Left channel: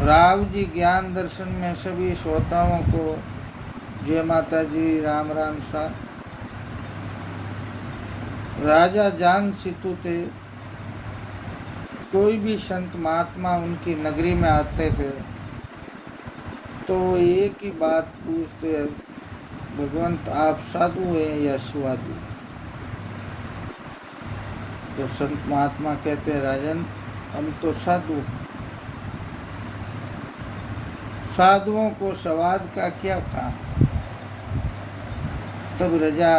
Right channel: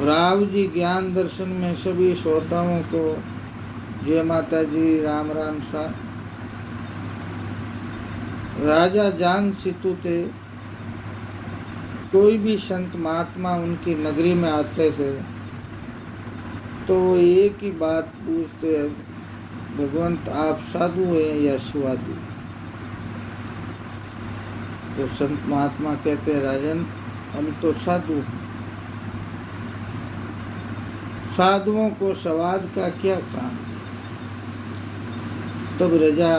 राव जी ज्ञान दर्शन में सभी श्रोताओं को जय माता जी, राम राम सा। राजा जांग सितु थे। कोई भी संत महात्मा उनकी नगरी में आते थे तो एक ही बात पूछते, भगवंत आप साधु हैं या साधु? तो संत महात्मा कहते, राजन हम तो साधु हैं। साधुओं को स्वाद का क्या काम? तब राजा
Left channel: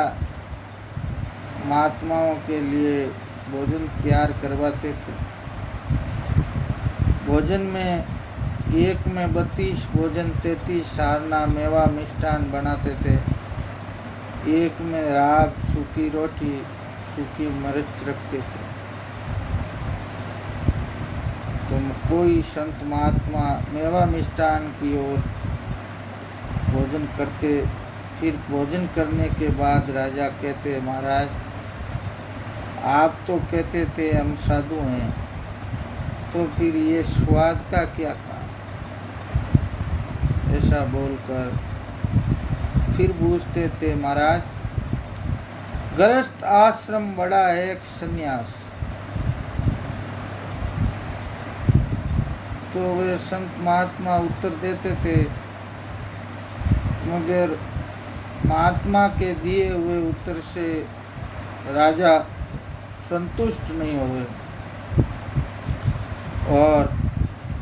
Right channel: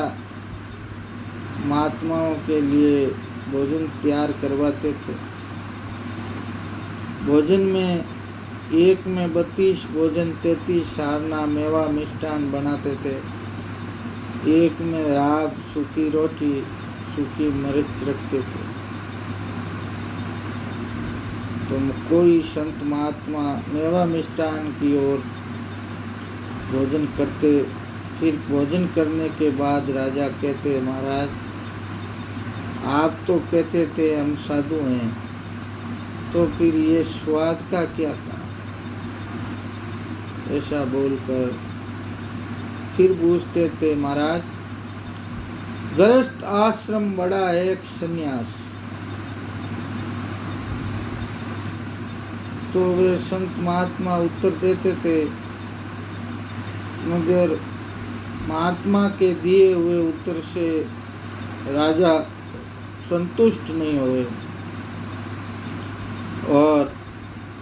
महात्माओं के लिए भोजन तैयार करवाते थे। भोजन में एक में 32 भोजन, 33 सारना मेवा मिष्ठान बनाते थे। एक में राब, सूखी रोटी, सूखी मिर्च रखते थे। तो कोई संत महात्मा मेवा मिष्ठान की ओर भोजन करते। फिर भोजन करने के बाद राजा कहते, महाराज आप तो कहते थे हम साधु हैं, तो फिर ये स्वाद का क्या कारण? ऐसा बोलकर फिर पूछते थे, महाराज गृहस्थ आश्रम बड़ा है एक सन्यास। तो वे संत महात्मा उत्तर देते थे, मगर महात्मा के दिए हुए उत्तर से राजा संतुष्ट नहीं हुए और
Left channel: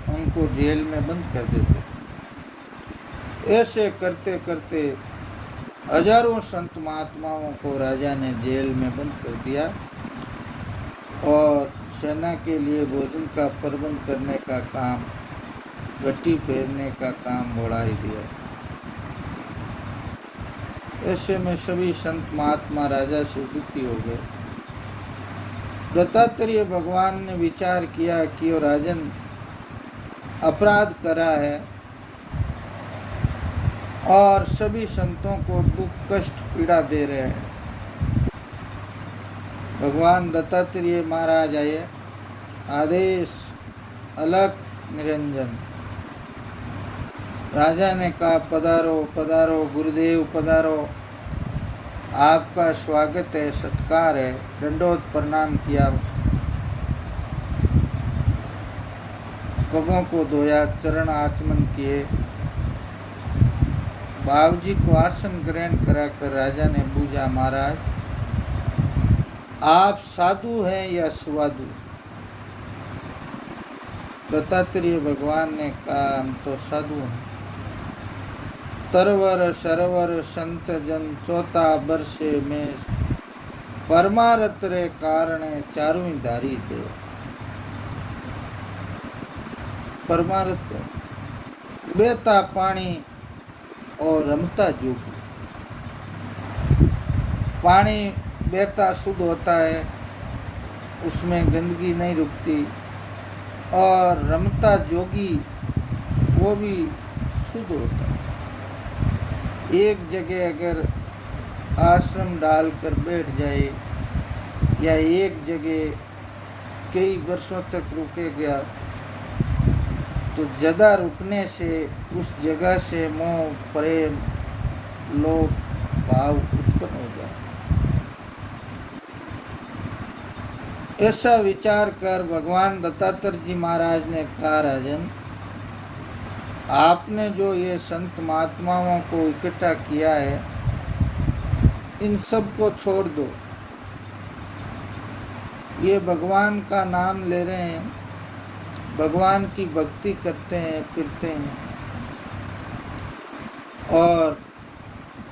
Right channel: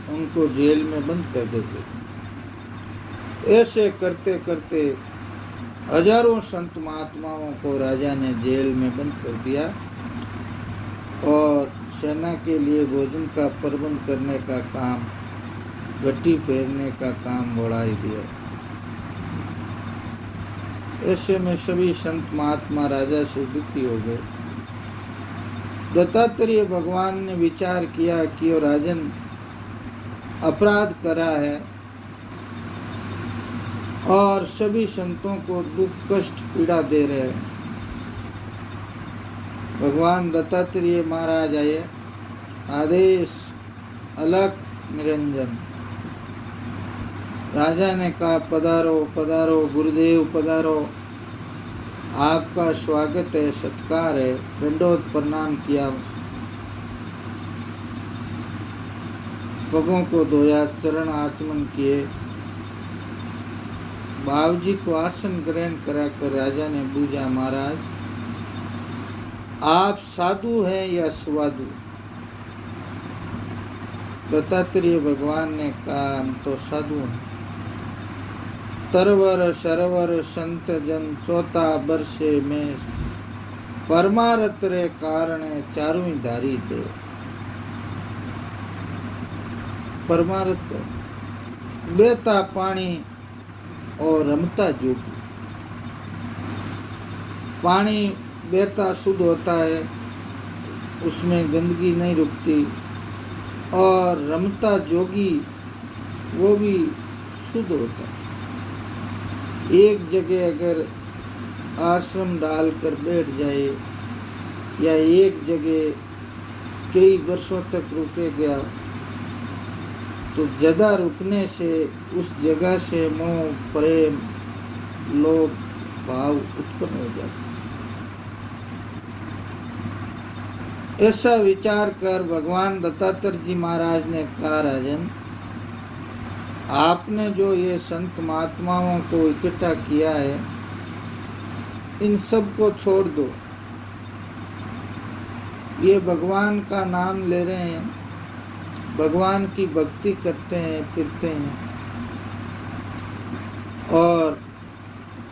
उनको जेल में बंद कर देते थे। ऐसे करते करते हजारों संत महात्माओं को राजा ने जेल में बंद कर दिया और सेना के लिए भोजन का प्रबंध करने का काम, गट्टी फेरने का काम बढ़ा ही दिया। ऐसे में सभी संत महात्मा राजा से दुखी हो गए। दत्तात्रेय भगवान ने विचार किया कि वो राजन अपराध करा है और सभी संतों को दुख कष्ट पीड़ा दे रहे हैं। भगवान दत्तात्रेय महाराज आए, आदेश अलग निरंजन। राजा ने कहा, पधारो पधारो गुरुदेव पधारो, आपका स्वागत है, सत्कार है। दंडोत प्रणाम किया, पगों को धोया, चरण आचमन किए। बाबूजी को आसन ग्रहण कराकर राजा ने पूछा, महाराज आप साधु हैं या साधु? दत्तात्रेय भगवान ने कहा, हम तो साधु हैं। तरवर सरवर संत जन चौथा वर्षे में परमारथ रे कारण चारों धारी दे। परमारथ बेता पानी और रमता जोगी। पानी बेता शुद्ध होता है, उसमें गंदगी नहीं रुकती, और रमता जोगी वो भी शुद्ध होता है। एक जगह अगर आश्रम डालकर बैठ जाए या एक जगह कई वर्षों तक रुकेगा तो ज़्यादा रुकने से उस जगह से मोह, प्रेम, लोभ भाव उत्पन्न हो जाता। ऐसा विचार कर भगवान दत्तात्रेय जी महाराज ने कहा, राजन आपने जो ये संत महात्माओं को इकट्ठा किया है, इन सब को छोड़ दो। ये भगवान का नाम ले रहे हैं, भगवान की भक्ति करते हैं, फिरते हैं और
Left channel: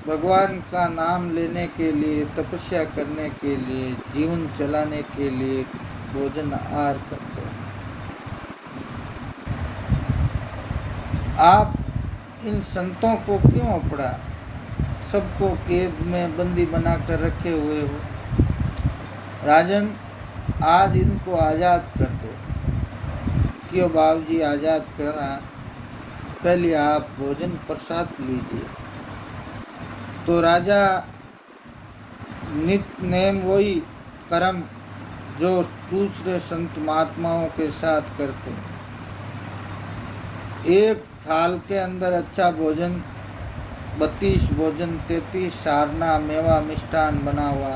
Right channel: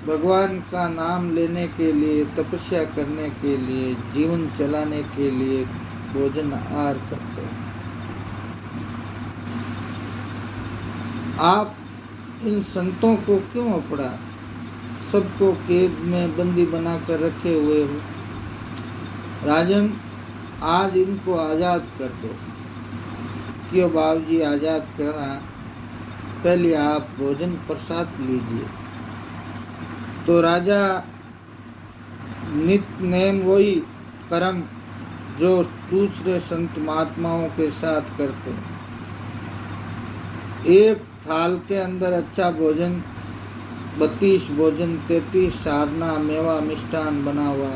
भगवान का नाम लेने के लिए, तपस्या करने के लिए, जीवन चलाने के लिए भोजन आहार करते हैं। आप इन संतों को क्यों अपड़ा, सबको कैद में बंदी बनाकर रखे हुए हो? राजन आज इनको आज़ाद कर दो। क्यों बाबूजी आज़ाद करना, पहले आप भोजन प्रसाद लीजिए। तो राजा नित्य नेम वही कर्म जो दूसरे संत महात्माओं के साथ करते, एक थाल के अंदर अच्छा भोजन 32 भोजन 33 सारना मेवा मिष्ठान बना हुआ,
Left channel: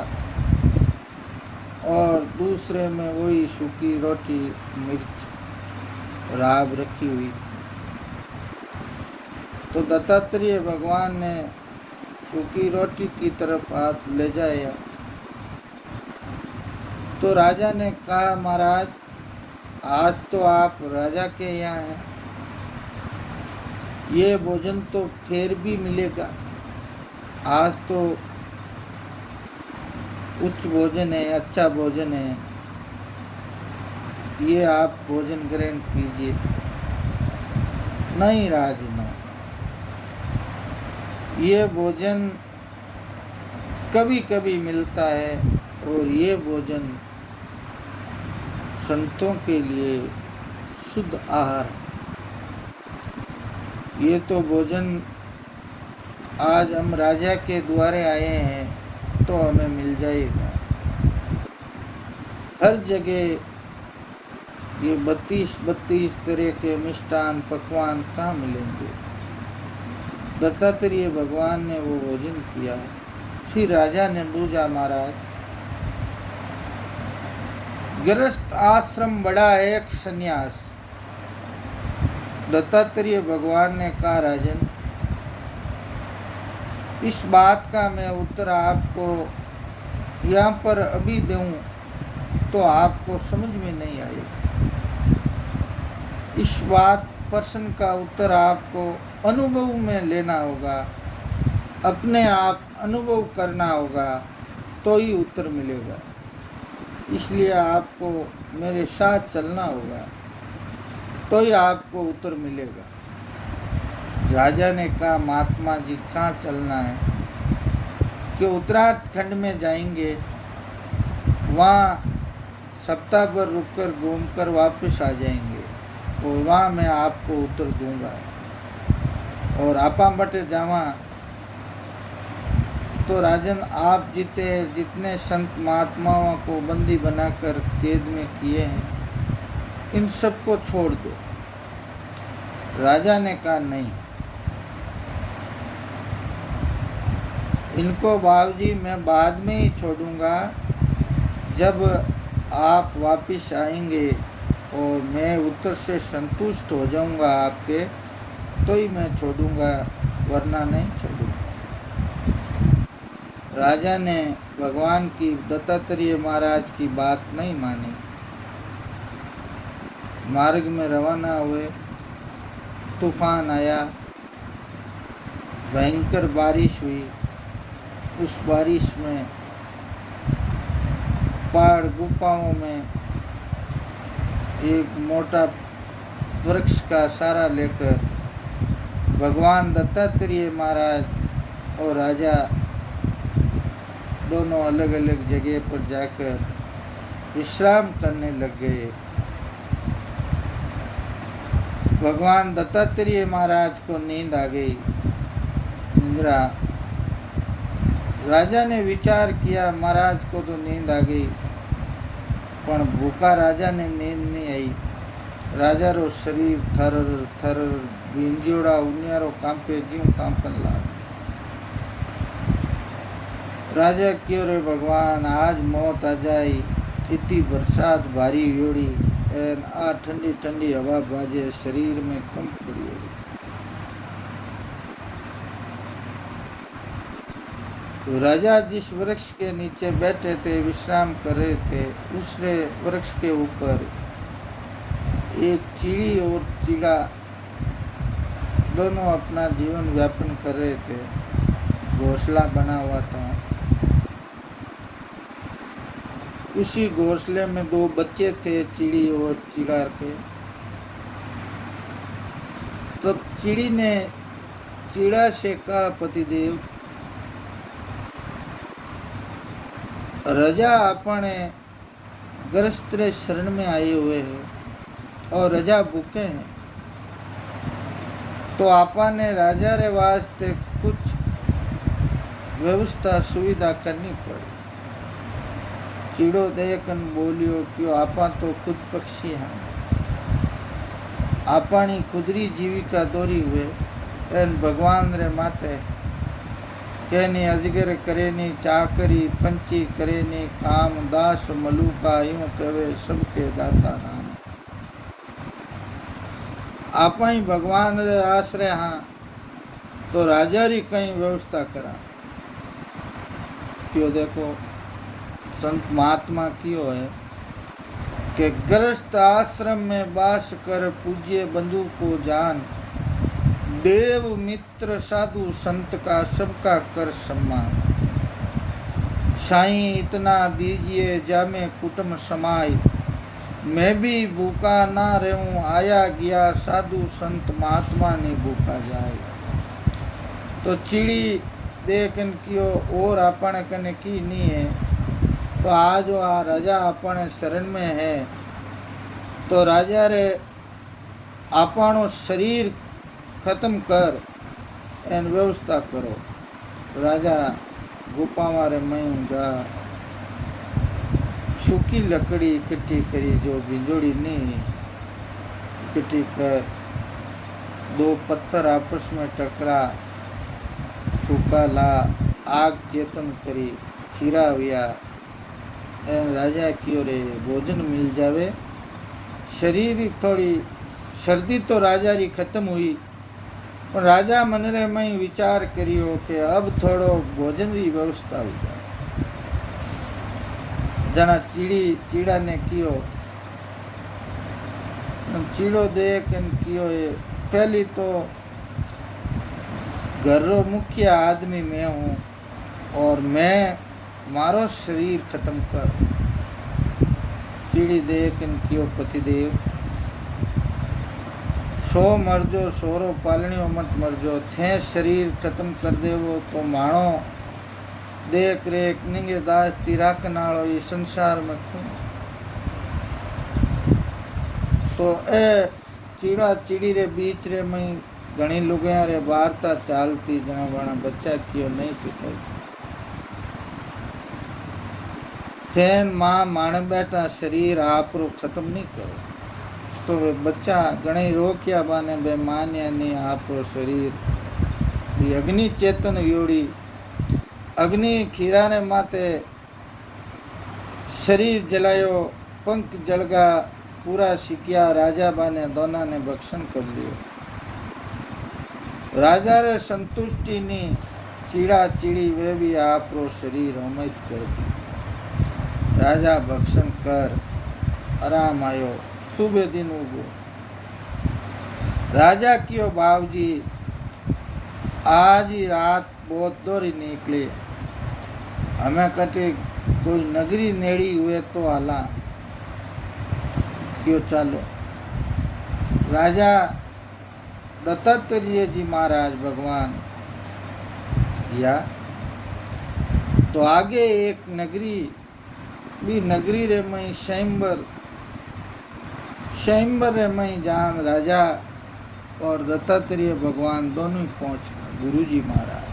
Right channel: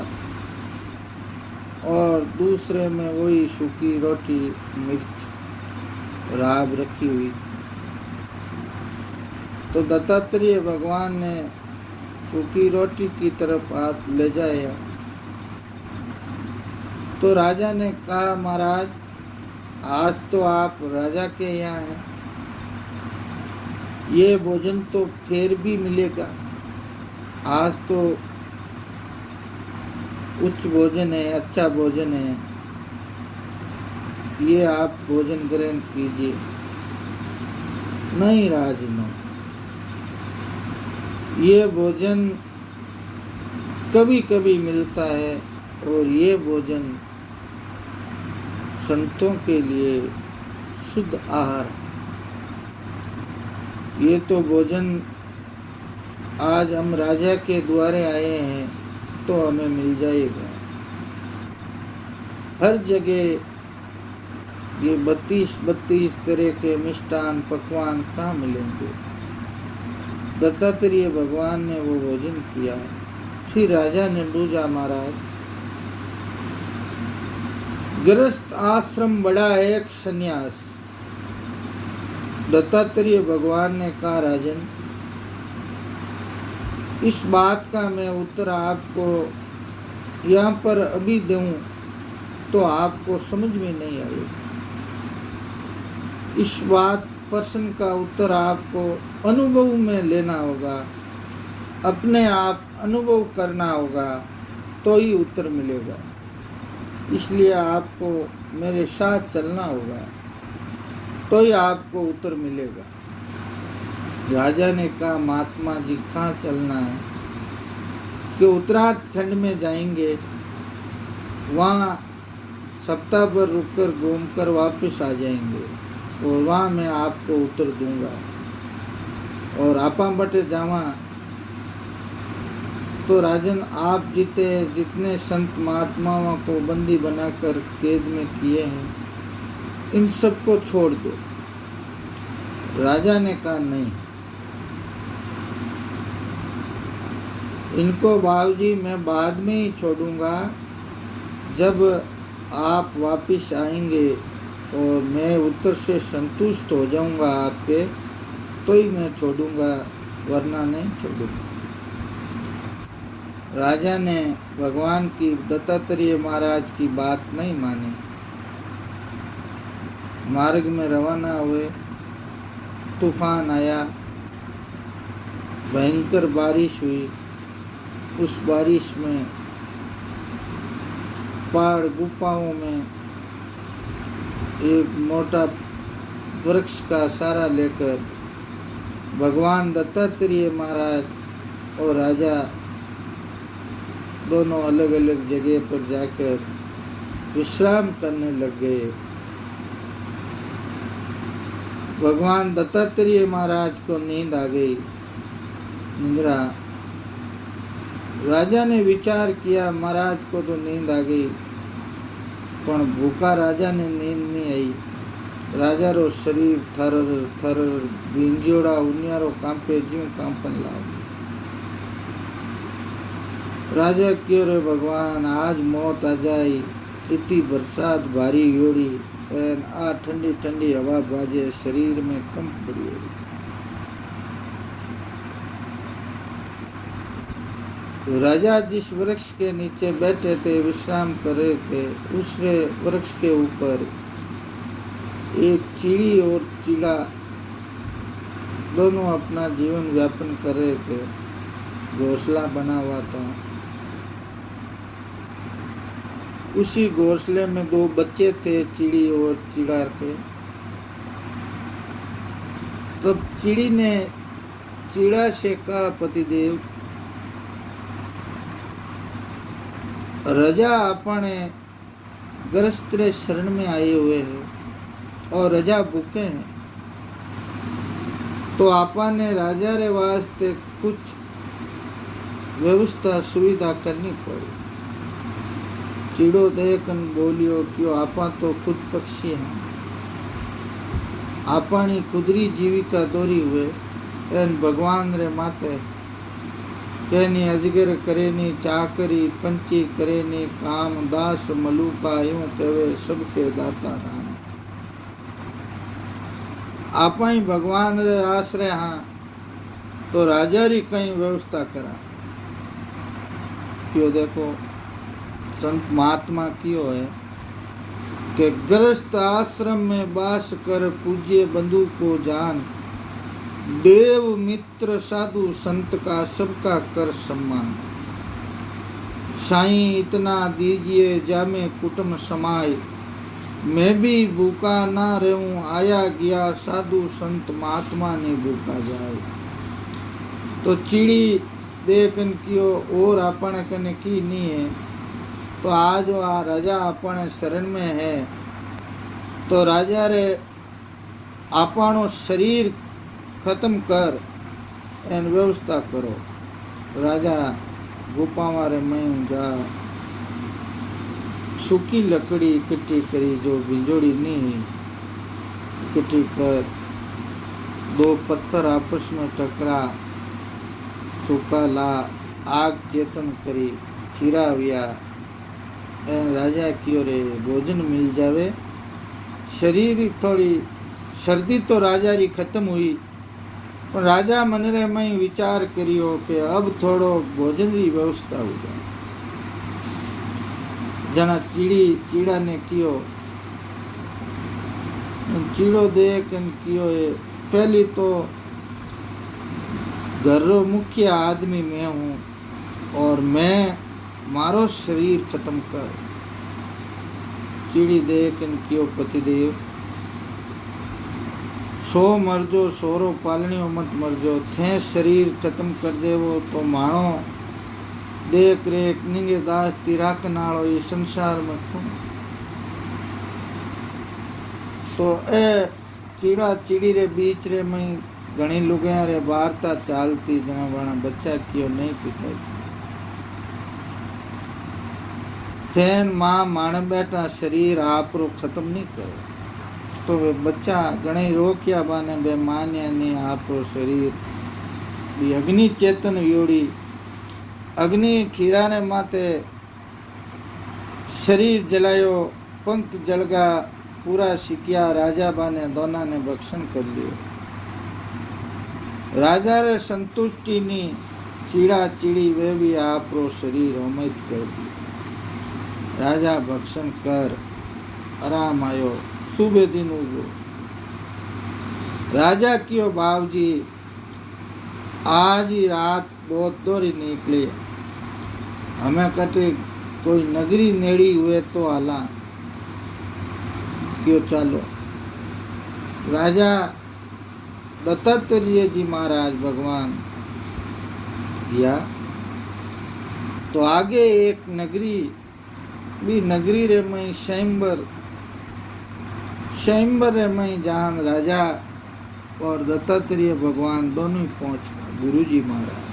और दूसरे में वही सूखी रोटी मिर्च राब रखी हुई थी। तो दत्तात्रेय भगवान ने सूखी रोटी की तरफ हाथ ले जाया तो राजा ने कहा, महाराज आज तो आप राजा के यहाँ हैं, ये भोजन तो फिर भी मिलेगा, आज तो उच्च भोजन है, अच्छा भोजन है, ये आप भोजन ग्रहण कीजिए। नहीं राजनो, ये भोजन कभी कभी मिलता है और ये भोजन संतों के लिए शुद्ध आहार। ये तो भोजन आज हम राजा के द्वारे आए हैं तो हमें मिल जाएगा। हर जगह ये 32 तरह के मिष्ठान पकवान कहाँ मिलेंगे। दत्तात्रेय भगवान ने वो भोजन किया। फिर राजा ने पूछा, महाराज गृहस्थ आश्रम बड़ा है एक सन्यास। दत्तात्रेय भगवान ने कहा, राजन इस बात का मैं उत्तर आपको यहाँ पर अभी दूं तो आपको समझ में नहीं आएगा। इस बात प्रश्न का उत्तर आपको अनुभव में लेना होगा, अपने आप अनुभव करना होगा तो ही उत्तर मिलेगा। इसलिए आपको मेरे साथ चलना होगा तो ही आपको उत्तर मिलेगा। राजा ने कहा, महात्मा जी कहाँ चलना है? कि उत्तराखंड में जाएंगे, वहाँ सप्ताह भर रुककर घूमकर वापस आ जाएंगे और वहाँ मैं आपको उत्तर दूंगा। और आपा बटे जावा तो राजन आप जितने संत महात्माओं को बंदी बनाकर कैद में किए हैं, इन सबको छोड़ दो। राजा ने कहा, नहीं, इनको बाबूजी मैं बाद में ही छोड़ूंगा, जब आप वापस आएंगे और मैं उत्तर से संतुष्ट हो जाऊंगा आपके, तो ही मैं छोड़ूंगा, वरना नहीं छोड़ूंगा। राजा ने भगवान की, दत्तात्रेय महाराज की बात नहीं मानी। मार्ग में रवाना हुए, तूफान आया, भयंकर बारिश हुई। उस बारिश में पहाड़ गुफाओं में एक मोटा वृक्ष का सहारा लेकर भगवान दत्तात्रेय महाराज और राजा दोनों अलग अलग जगह पर जाकर विश्राम करने लग गए। भगवान दत्तात्रेय महाराज को नींद आ गई, निद्रा। राजा ने विचार किया, महाराज को तो नींद आ गई, पण भूखा राजा ने नींद नहीं आई। राजा रो शरीर थर थर भींजोड़ा उनियारो कांपे ज्यों कांपन लाग। राजा क्यों रे भगवान, आज मौत आ जाई, इतनी बरसात भारी योड़ी एन आ ठंडी ठंडी हवा बाजे, शरीर में कंप पड़ी होड़ी। तो राजा जिस वृक्ष के नीचे बैठे थे, विश्राम कर रहे थे, उस वृक्ष के ऊपर एक चिड़ी और चिड़ा दोनों अपना जीवन व्यापन कर रहे थे। घोंसला बना हुआ था। उसी घोंसले में 2 बच्चे थे, चिड़ी और चिड़ा के। तब चिड़ी ने चिड़ा से कहा, पतिदेव राजा अपने ग्रस्त शरण में आए हुए हैं और राजा भूखे हैं, तो आपा ने राजा रे वास्ते कुछ व्यवस्था सुविधा करनी पड़ी। चिड़ो देखन बोलियो, क्यों आपा तो खुद पक्षी हैं, आपणी कुदरी जीविका दौरी हुए एन भगवान रे माते केनी अजगर करेनी चाकरी पंची करेनी काम दास मलूका यूं कहे सबके दाता नाम। आप ही भगवान रे आश्रय हाँ तो राजा री कई व्यवस्था करा। क्यों देखो संत महात्मा क्यों है कि गृहस्थ आश्रम में बास कर पूज्य बंधु को जान, देव मित्र साधु संत का सबका कर सम्मान। साईं इतना दीजिए जामे कुटुंब समाय, मैं भी भूखा ना रहूं आया गया साधु संत महात्मा ने भूखा जाए। तो चिड़ी देखन कियो और अपन कने की नहीं है, तो आज आ राजा अपन शरण में है तो राजा रे आपनो शरीर खत्म कर एन व्यवस्था करो। राजा गुफा मारे में जा सूखी लकड़ी इकट्ठी करी जो बिंजोड़ी नहीं इकट्ठी कर, दो पत्थर आपस में टकरा सूखा ला आग चेतन करी खीरा हुआ एन राजा की रे भोजन मिल जावे। शरीर थोड़ी सर्दी तो राजा री खत्म हुई पर राजा मन रे में विचार करियो कि अब थोड़ो भोजन री व्यवस्था हो जाए। जना चीड़ा ने कियो चीड़ो देख कियो पहली तो घर रो मुख्य आदमी मैं हूँ और मैं मारो शरीर खत्म कर। चीड़ी देख कियो पतिदेव सो मरजो सोरो पालनियो मत मरजो, थे शरीर खत्म कर देवो तो माणो देख रेख निंगे दास तिराक नालो ये संसार में खून। तो ए चीड़ा चीड़ी रे बीच रे में घणी लुगाया रे वार्ता चालती जना वणा बच्चा कियो नहीं पिटाई। थेन मां माण बैठा शरीर आप रो खत्म नहीं करो तो वे बच्चा घणे रोकिया बाने बे मान्या नहीं आप रो शरीर भी अग्नि चेतन योड़ी अग्नि खीरा ने माते शरीर जलायो पंख जलगा पूरा सिकिया राजा बाने दोना ने भक्षण कर लियो। राजा रे संतुष्टि नी चीड़ा चीड़ी वे भी आप रो शरीर होमित कर दी। राजा भक्षण कर आराम आयो सुबह दिन उगो। राजा कियो बाबूजी आज ही रात बहुत दोरी निकली, हमें कटे कोई नगरी नेड़ी हुए तो आला क्यों चालो। राजा दत्तात्रेय जी महाराज भगवान गया तो आगे एक नगरी भी नगरी रे मई स्वयंवर रे मई जान राजा और दत्तात्रेय भगवान दोनों पहुंच गुरु जी महाराज।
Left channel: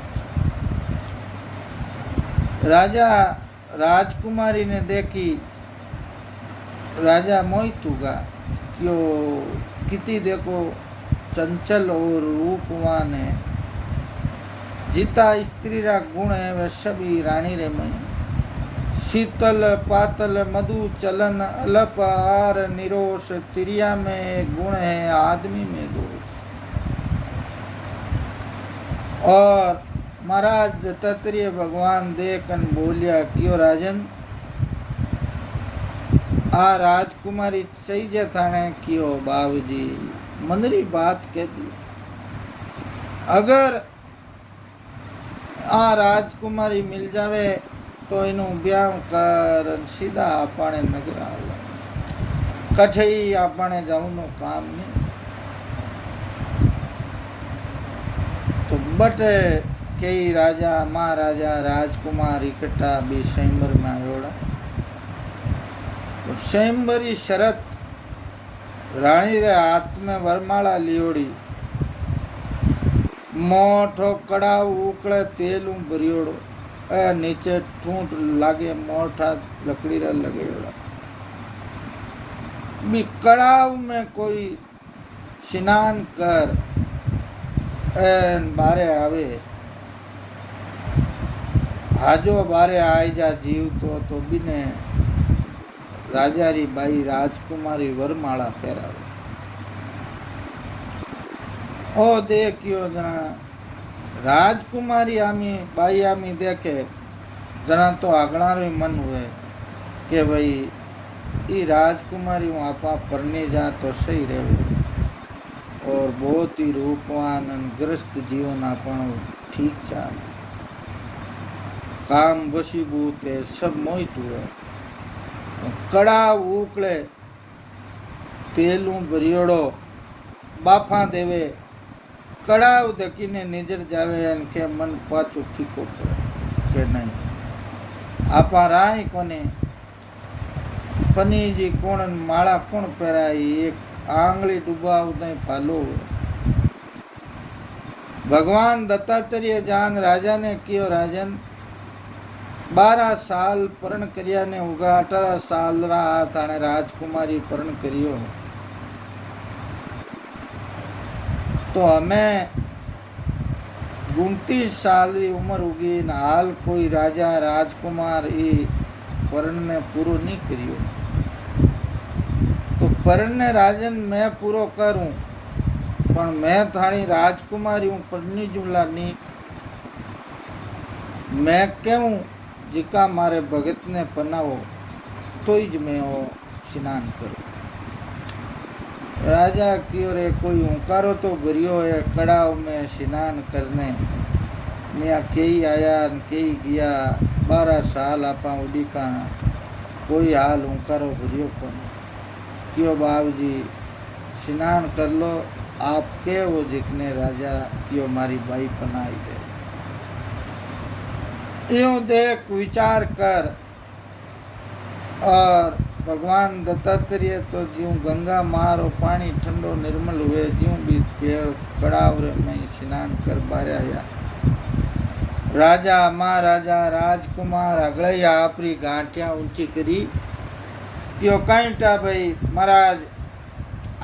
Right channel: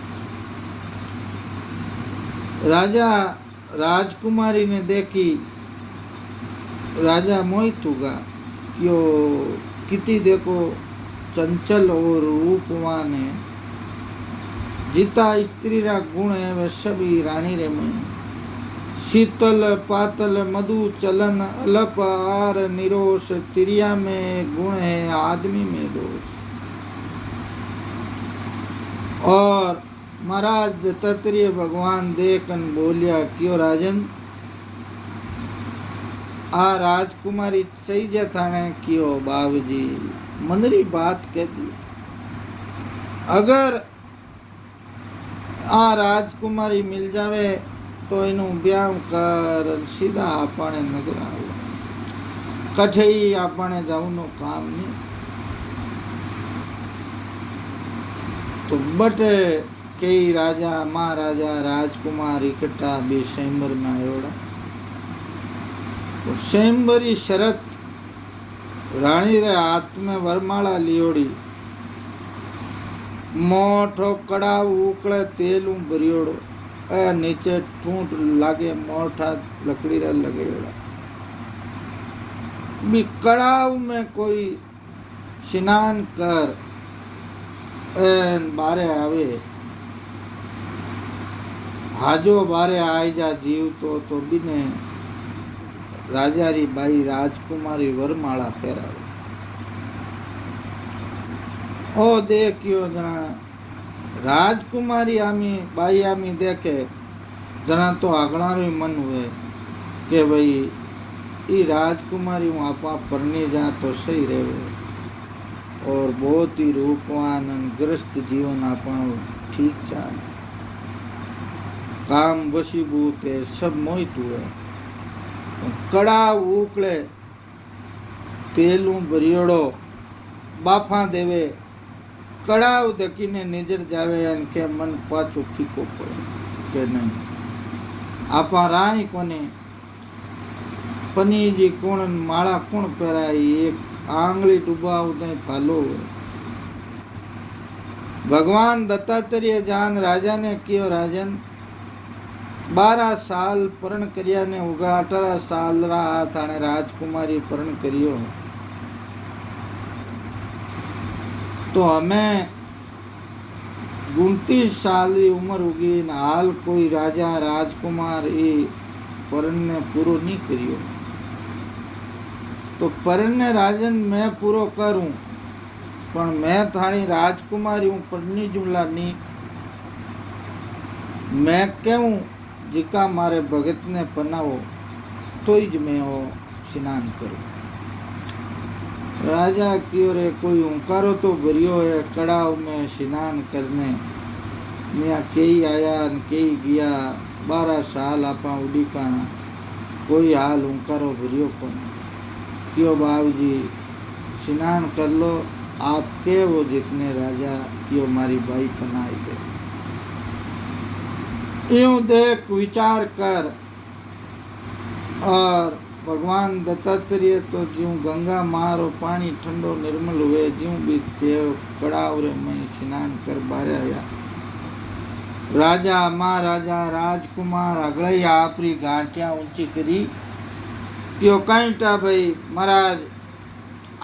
राजा राजकुमारी ने देखी, राजा मोहित हुआ क्यों किति देखो चंचल और रूपवान है, जिता स्त्री रा गुण है वह सभी रानी रे मई। शीतल पातल मधु चलन अलप आर निरोष, तिरिया में गुण है आदमी में दोष। और महाराज दत्तात्रेय भगवान देखन बोलिया क्यों राजन आ राजकुमारी सही जथाने क्यों बाबूजी मनरी बात कह दी। अगर आ राजकुमारी मिल जावे तो इनु ब्याह कर सीधा आपने नगर आला, कठे ही आपने जाऊनो काम नहीं। तो बट कई राजा महाराजा राजकुमार इकट्ठा भी स्वयंवर में आयोड़ा। तो स्वयंवरी शरत रानी रे हाथ में वरमाला लियोड़ी, मोठो कड़ाव उकड़े तेलू भरियोड़ो, ए नीचे ठूंठ लागे मोटा लकड़ी रे लगेड़ा। भी कड़ाव में कोई स्नान कर बारे आवे हाजो बारे आई जा जीव तो बिने राजारी बाई राजकुमारी वरमाला पहरावे ओ देखियो जना राजकुमारी आमी बाई आमी देखे जना तो आगणारो मन हुए कि भाई ये राजकुमारी हूँ आपा परने जा तो सही रहे और बहुत ही रूपवान ग्रस्त जीवन अपन ठीक चाल काम वशीभूत है सब मोहित हुए कड़ा उकले तेलू बरियोड़ो बाफा देवे कड़ाव देखीने नजर जावे अन के मन पाछो फीको पड़े के नहीं आपा राय कोने पनीजी कोण माला कोण पहराई एक आंगली डूबाव नहीं फालो भगवान दत्तात्रेय जान राजा ने कियो राजन 12 साल परण करिया ने उगा 18 साल रहा थाने राजकुमारी परण करियो तो हमें 29 साल की उम्र उगी न हाल कोई राजा राजकुमार ये परण ने पूरो नहीं करियो तो परण ने राजन मैं पूरो करूं पण मैं थानी राजकुमारी हूँ पढ़नी जुमला नहीं मैं क्यों जिका मारे भगत ने पनाओ तो ही ज मैं वो स्नान करूं राजा की रे कोई हुंकारो तो भरियो है कड़ाव में स्नान करने नया कई आया न कई गया 12 साल आपा उड़ी का कोई हाल हुंकारो भरियो कौन क्यों बाबू जी स्नान कर लो आपके वो जितने राजा क्यों मारी बाई पनाई दे यूं देख विचार कर और भगवान दत्तात्रेय तो ज्यों गंगा मारो पानी ठंडो निर्मल हुए ज्यों भी कड़ाव रे में स्नान कर बारया राजा महाराजा राजकुमार अगले आपरी गांठिया ऊंची करी क्यों कईटा भाई महाराज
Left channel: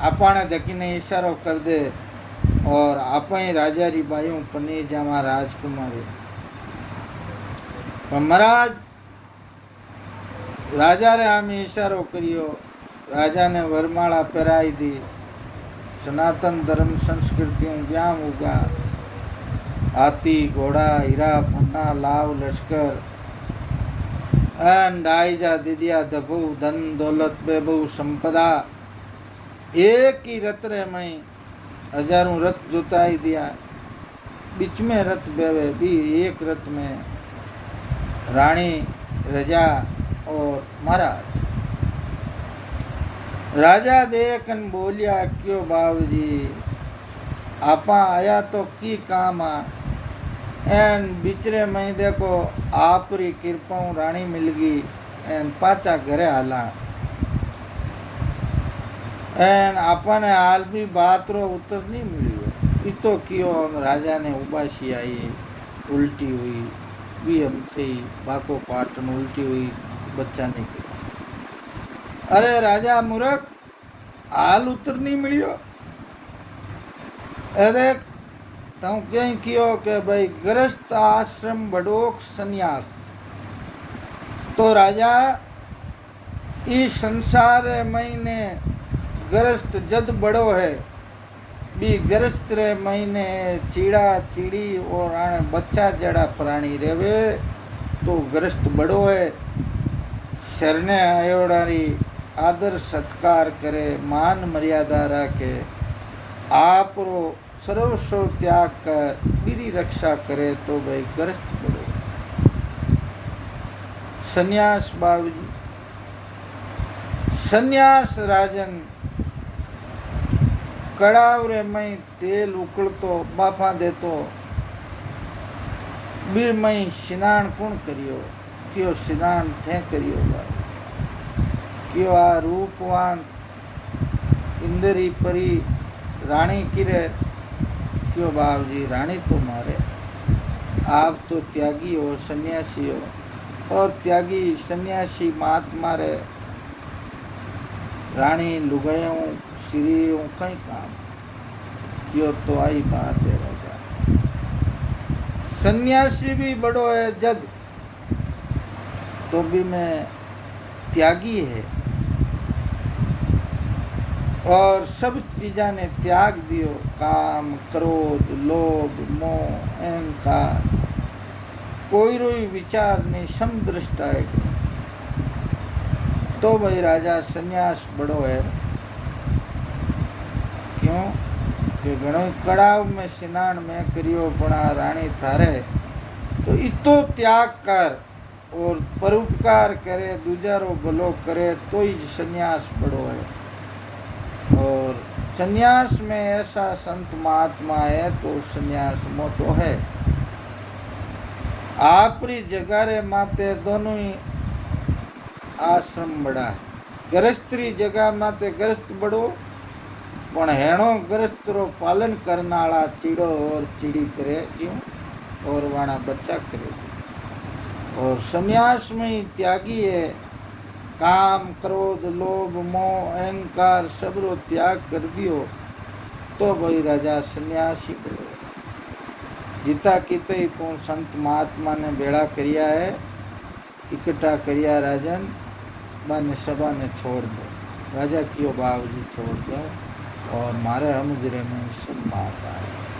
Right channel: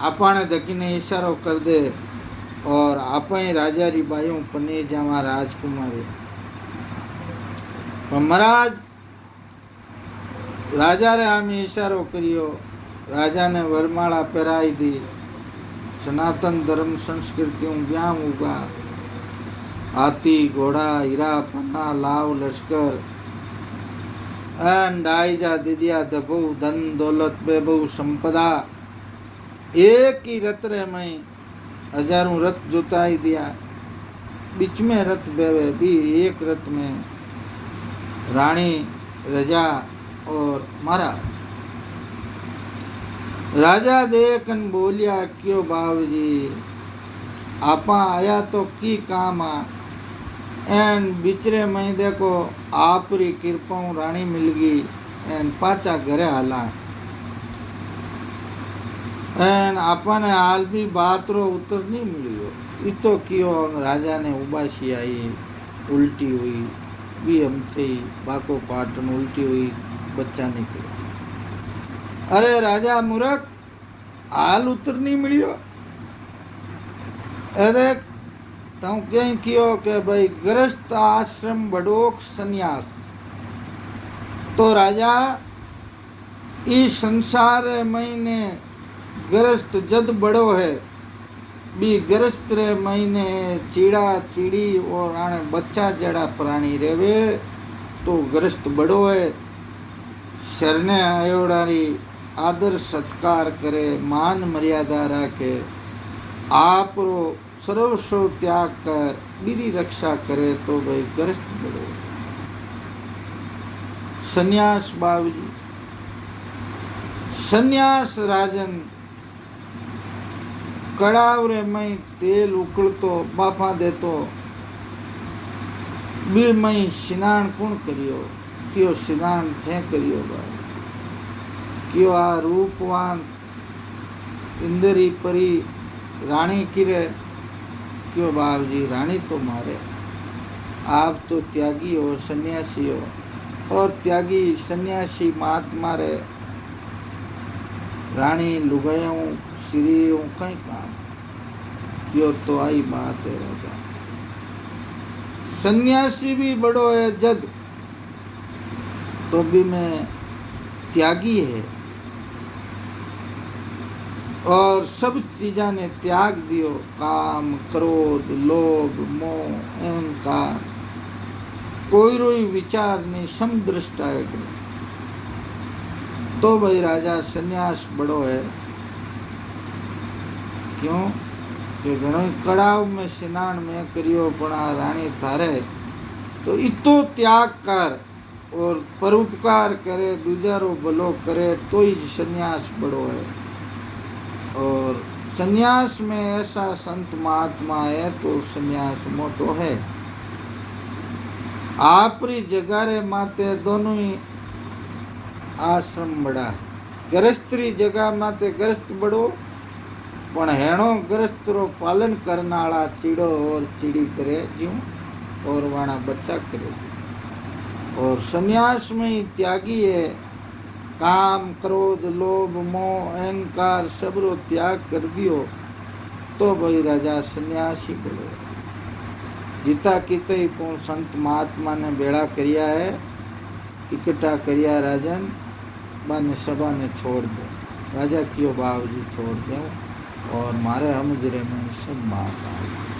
आपने दखीने इशारो कर दे और आप राजा री बाइयों पनी जावा राजकुमारी महाराज राजा रे आमी इशारो करियो राजा ने वरमाला पहराई दी सनातन धर्म संस्कृतियों ज्ञान उगा हाथी घोड़ा हीरा पन्ना लाव लश्कर आई जा दिदिया दबो धन दौलत बेबहू संपदा एक ही रथ रे में हजारों रथ जुताई दिया बीच में रथ बेवे भी एक रथ में रानी रजा और महाराज राजा देखन बोलिया क्यों बाबू जी आपा आया तो की काम आ एन बिचरे में देखो आपरी कृपा रानी मिल गई एन पाचा घरे हाला एन आपने हाल भी बात रो उत्तर नहीं मिलियो इतो कियो राजा ने उबासी आई उल्टी हुई भी हमसे ही बाको पाट में उल्टी हुई बच्चा निकला अरे राजा मूर्ख हाल उत्तर नहीं मिलियो अरे तू कहीं कियो के भाई गृहस्थ आश्रम बड़ोक संन्यास तो राजा इस संसार महीने गृहस्थ जद बड़ो है बी गृहस्थ रे महीने चीड़ा चीड़ी और आने बच्चा जड़ा प्राणी रेवे तो गृहस्थ बड़ो है शरणे आयोडारी आदर सत्कार करे मान मर्यादा रखे आप रो सर्वस्व त्याग कर मेरी रक्षा करे तो भाई गृहस्थ बड़ो सन्यास बाबूजी सन्यास राजन कड़ावरे में तेल उकलतो बाफा देतो बीर में स्नान कौन करियो क्यों स्नान थे करियो बाबू क्यों आ रूपवान इंदरी परी रानी किरे क्यों बाबू जी रानी तो मारे आप तो त्यागी हो सन्यासी हो और त्यागी सन्यासी महात्मा रे रानी लुगायों श्री कई काम यो तो आई बात है राजा। सन्यासी भी बड़ो है जद, तो भी मैं त्यागी है, और सब चीजा ने त्याग दियो, काम क्रोध लोभ मोह अहंकार, कोई रोई विचार नहीं, समदृष्टा है। तो भाई राजा सन्यास बड़ो है। क्यों कि घणो कड़ाव में स्नान में करियो, पण आ रानी थारे तो इतो त्याग कर और परोपकार करे, दूजारो भलो करे, तो ही सन्यास बड़ो है। और सन्यास में ऐसा संत महात्मा है तो सन्यास मोटो है। आपरी जगह रे माते दोनों ही आश्रम बड़ा है। गृहस्थी जगह माते गृहस्थ बड़ो, पण हेणो गृहस्थ रो पालन करने वाला चीड़ो और चिड़ी करे ज्यों, और वाणा बच्चा करे। और सन्यास में ही त्यागी है, काम क्रोध लोभ मोह अहंकार सबरो त्याग कर दियो, तो भाई राजा सन्यासी बड़ो। जीता किते ही तू संत महात्मा ने बेड़ा करिया है, इकट्ठा करिया राजन, बन सभा ने छोड़ दो। राजा क्यों बाबूजी छोड़ दो, और मारे हमजरे में सब बात आई।